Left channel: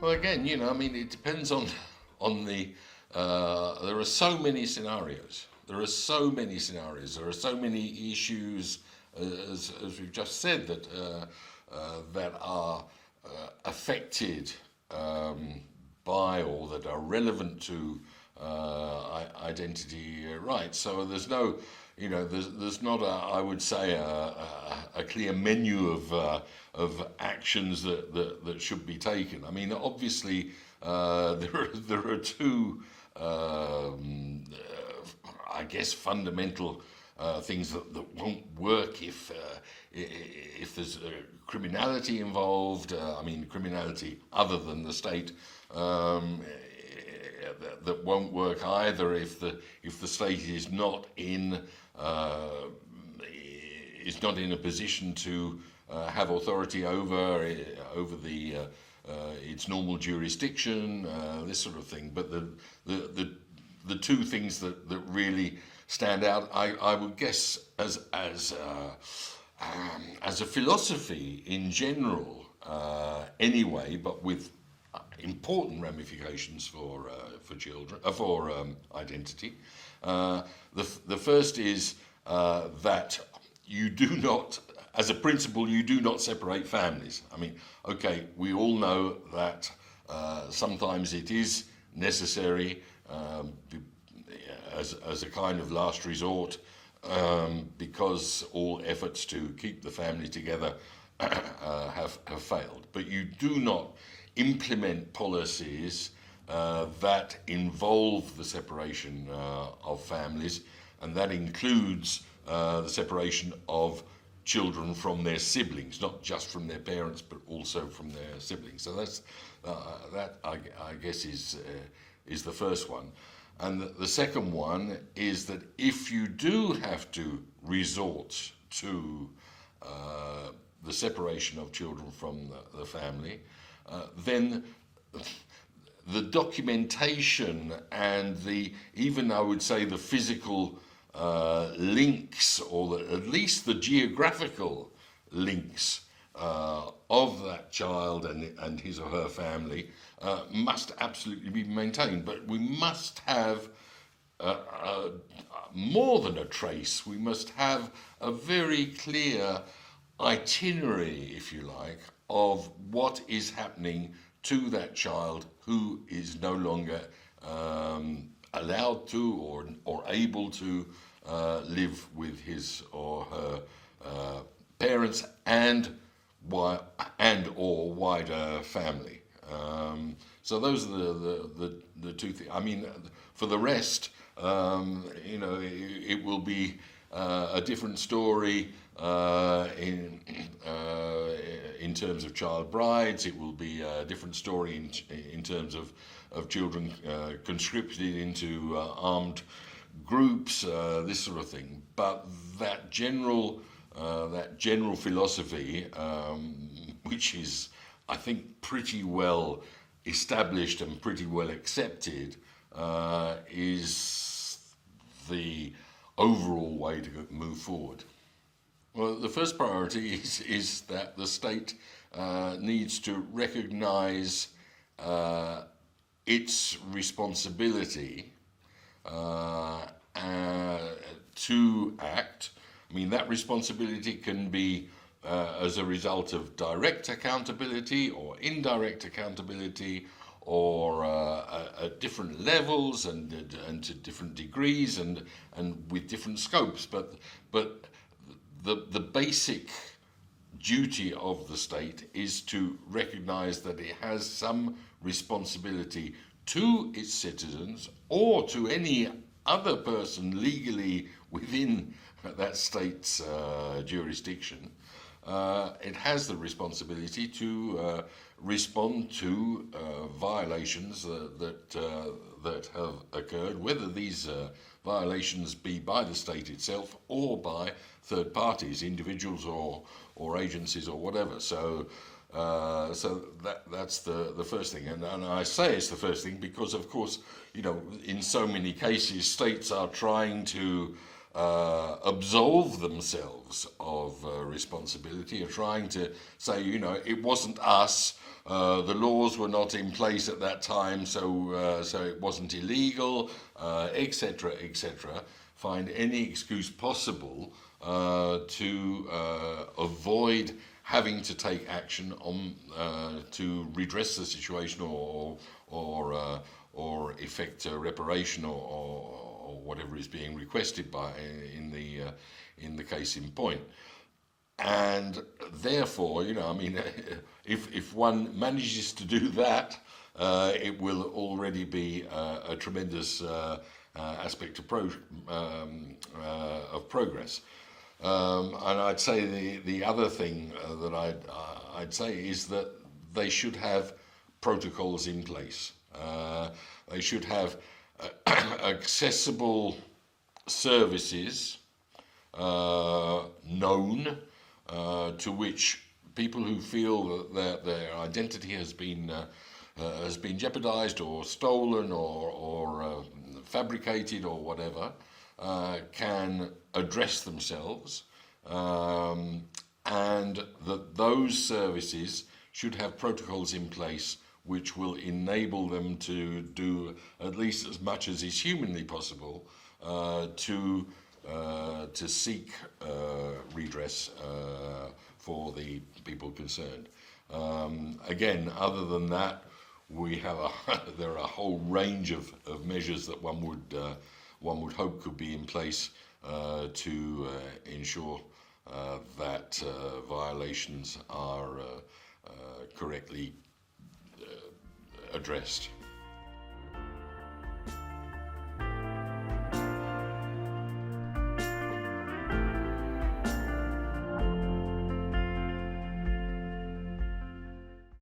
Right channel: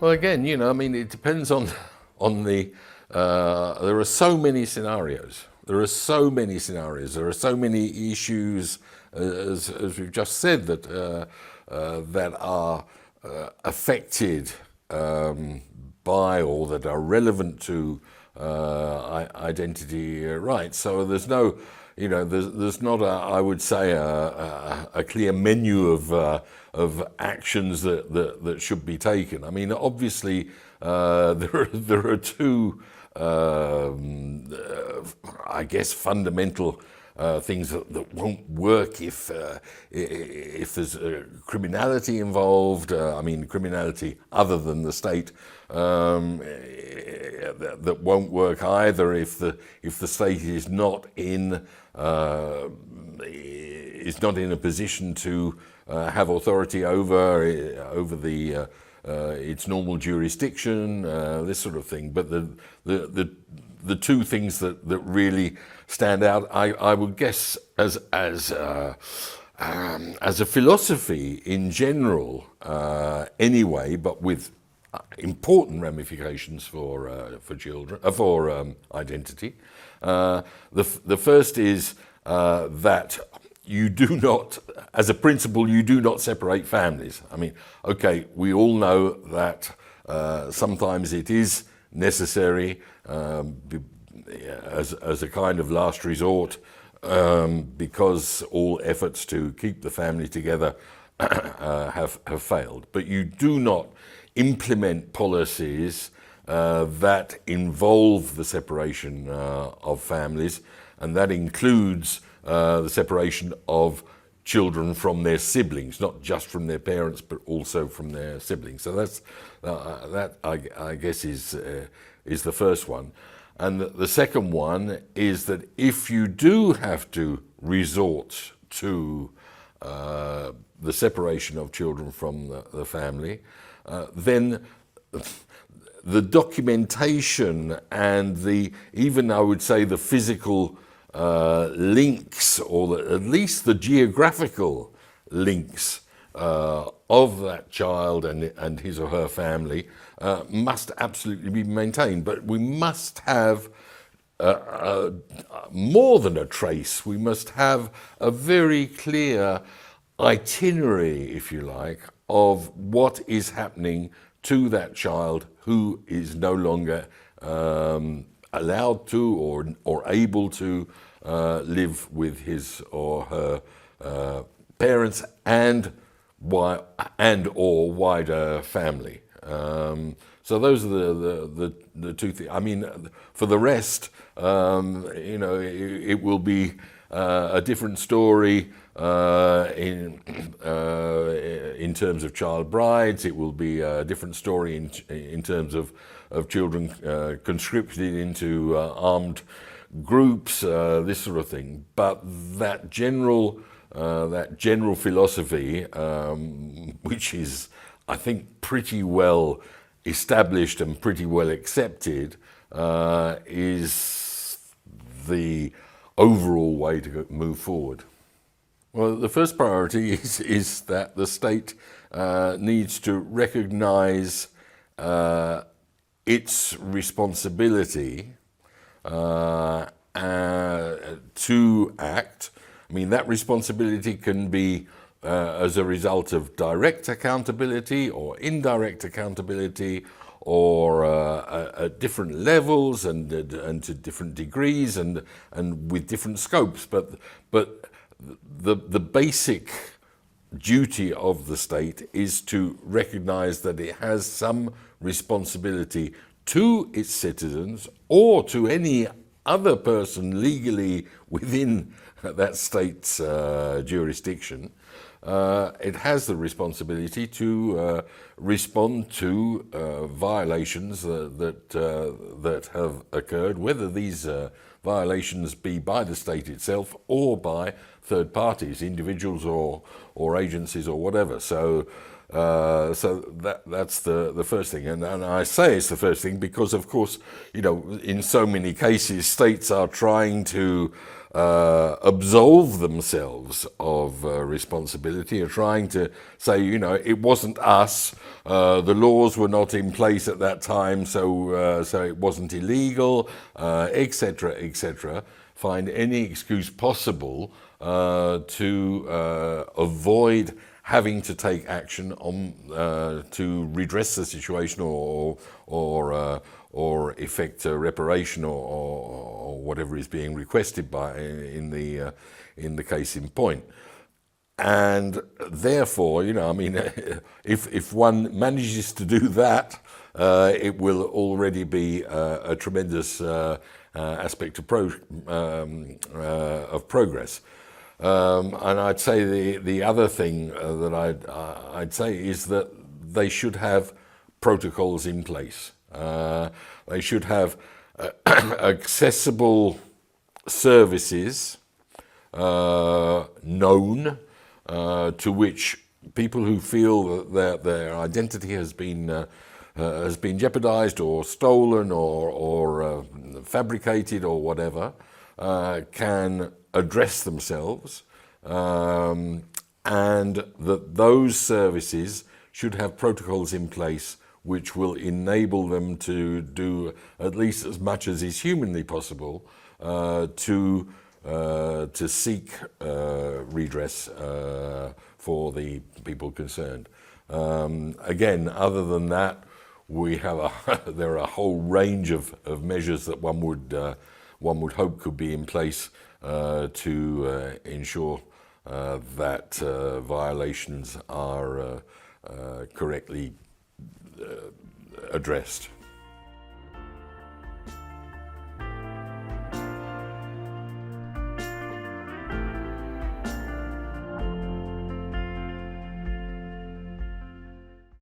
Well, again, I mean, it depends on the. There are so many scenarios. There are so many scenarios. There are so many issues, as we've just said, that are affected by or that are relevant to identity rights. So there's no, there's not I would say a clear menu of actions that should be taken. I mean, obviously, there are two, I guess, fundamental things that won't work if there's criminality involved. I mean, criminality other than the state, that won't work either if the state is not in a position to have authority over the its normal jurisdiction, this sort of thing. But the two things that really stand out, I would guess, as a philosophy in general, anyway, but with important ramifications for children, for identity. The first is that you do not, as a principle, you do not separate families. I mean, okay, we all know that sometimes it is necessary as a kind of last resort, because all efforts to keep the family together have failed. But you do not implement policies that involve the separation of families, and that includes the separation of children from their siblings, not just from their parents, but also from their siblings. So that's that I guess is the first one. And the second one is that if you do have to resort to the separation of children from the family, then the documentation and even I would say the physical links, or at least the geographical links of that child and his or her family must absolutely be maintained. But we must have more than a trace. We must have a very clear itinerary, if you like, of what is happening to that child who is no longer allowed to or able to live with his or her parents and or wider family. So those are the two things. I mean, for the rest, it will be a different story in terms of child brides. It will be a different story in terms of children conscripted into armed groups, this sort of thing. But that general philosophy, which is, I think, pretty well established and pretty well accepted, is the overall way to move forward. Well, the first priority is that the state needs to recognise its responsibility to act. I mean, that responsibility can be as a result of direct accountability or indirect accountability, or at different levels and to different degrees and with different scopes. But the basic duty of the state is to recognise that it has some responsibility to its citizens or to any other person legally within that state's jurisdiction. It has the responsibility to respond to violations that have occurred, whether these violations be by the state itself or by third parties, individuals or agencies or whatever. So that's the first thing, and I say it's the first thing because, of course, in so many cases, states are trying to absolve themselves of responsibility, are trying to say, it wasn't us, the laws were not in place at that time, so it wasn't illegal, etc., etc. Find any excuse possible to avoid having to take action on to redress the situation or effect reparation or whatever is being requested by in the case in point. And therefore, if one manages to do that, it will already be a tremendous aspect of progress. And I'd say the other thing that I'd say is that they should have protocols in place. They should have accessible services known to which people who feel that their identity has been jeopardized or stolen or fabricated or whatever can address themselves, and that those services should have protocols in place which will enable them to do at least as much as is humanly possible to seek redress for the people concerned. Again, other than that, there are a whole range of measures that one would hope could be in place to ensure that violations are correctly addressed.